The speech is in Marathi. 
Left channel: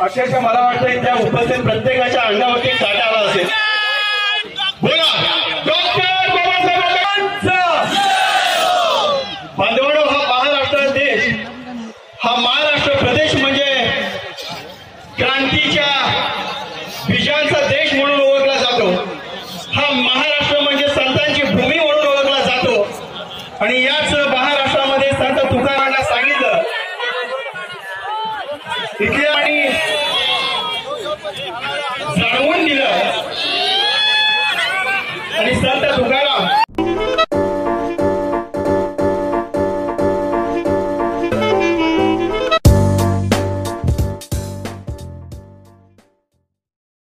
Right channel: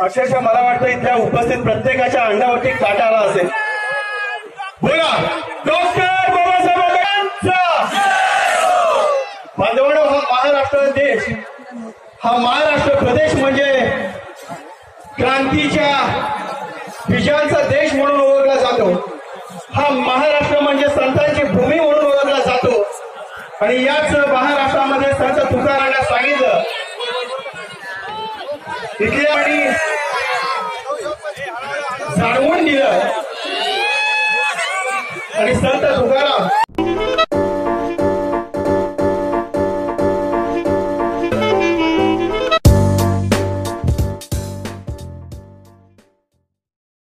अक्षरशः मला वाटतं की त्या उपस्थित प्रत्येकाच्या अंगावरती काटा आला असेल. बोला डॉक्टर बाबासाहेब आंबेडकरांचा. बांधवांनो, हा महाराष्ट्र देश, हा महाराष्ट्र प्रदेश म्हणजे क्रांतीच्या बीजांचा देश म्हणून ओळखला जातो. हा महाराष्ट्र म्हणजे संतांची भूमी म्हणून ओळखला जातो. आणि याच महाराष्ट्रामध्ये संत तुकारामांना सांगितलं इथल्या आणि जाणवून दिलं. आणि संत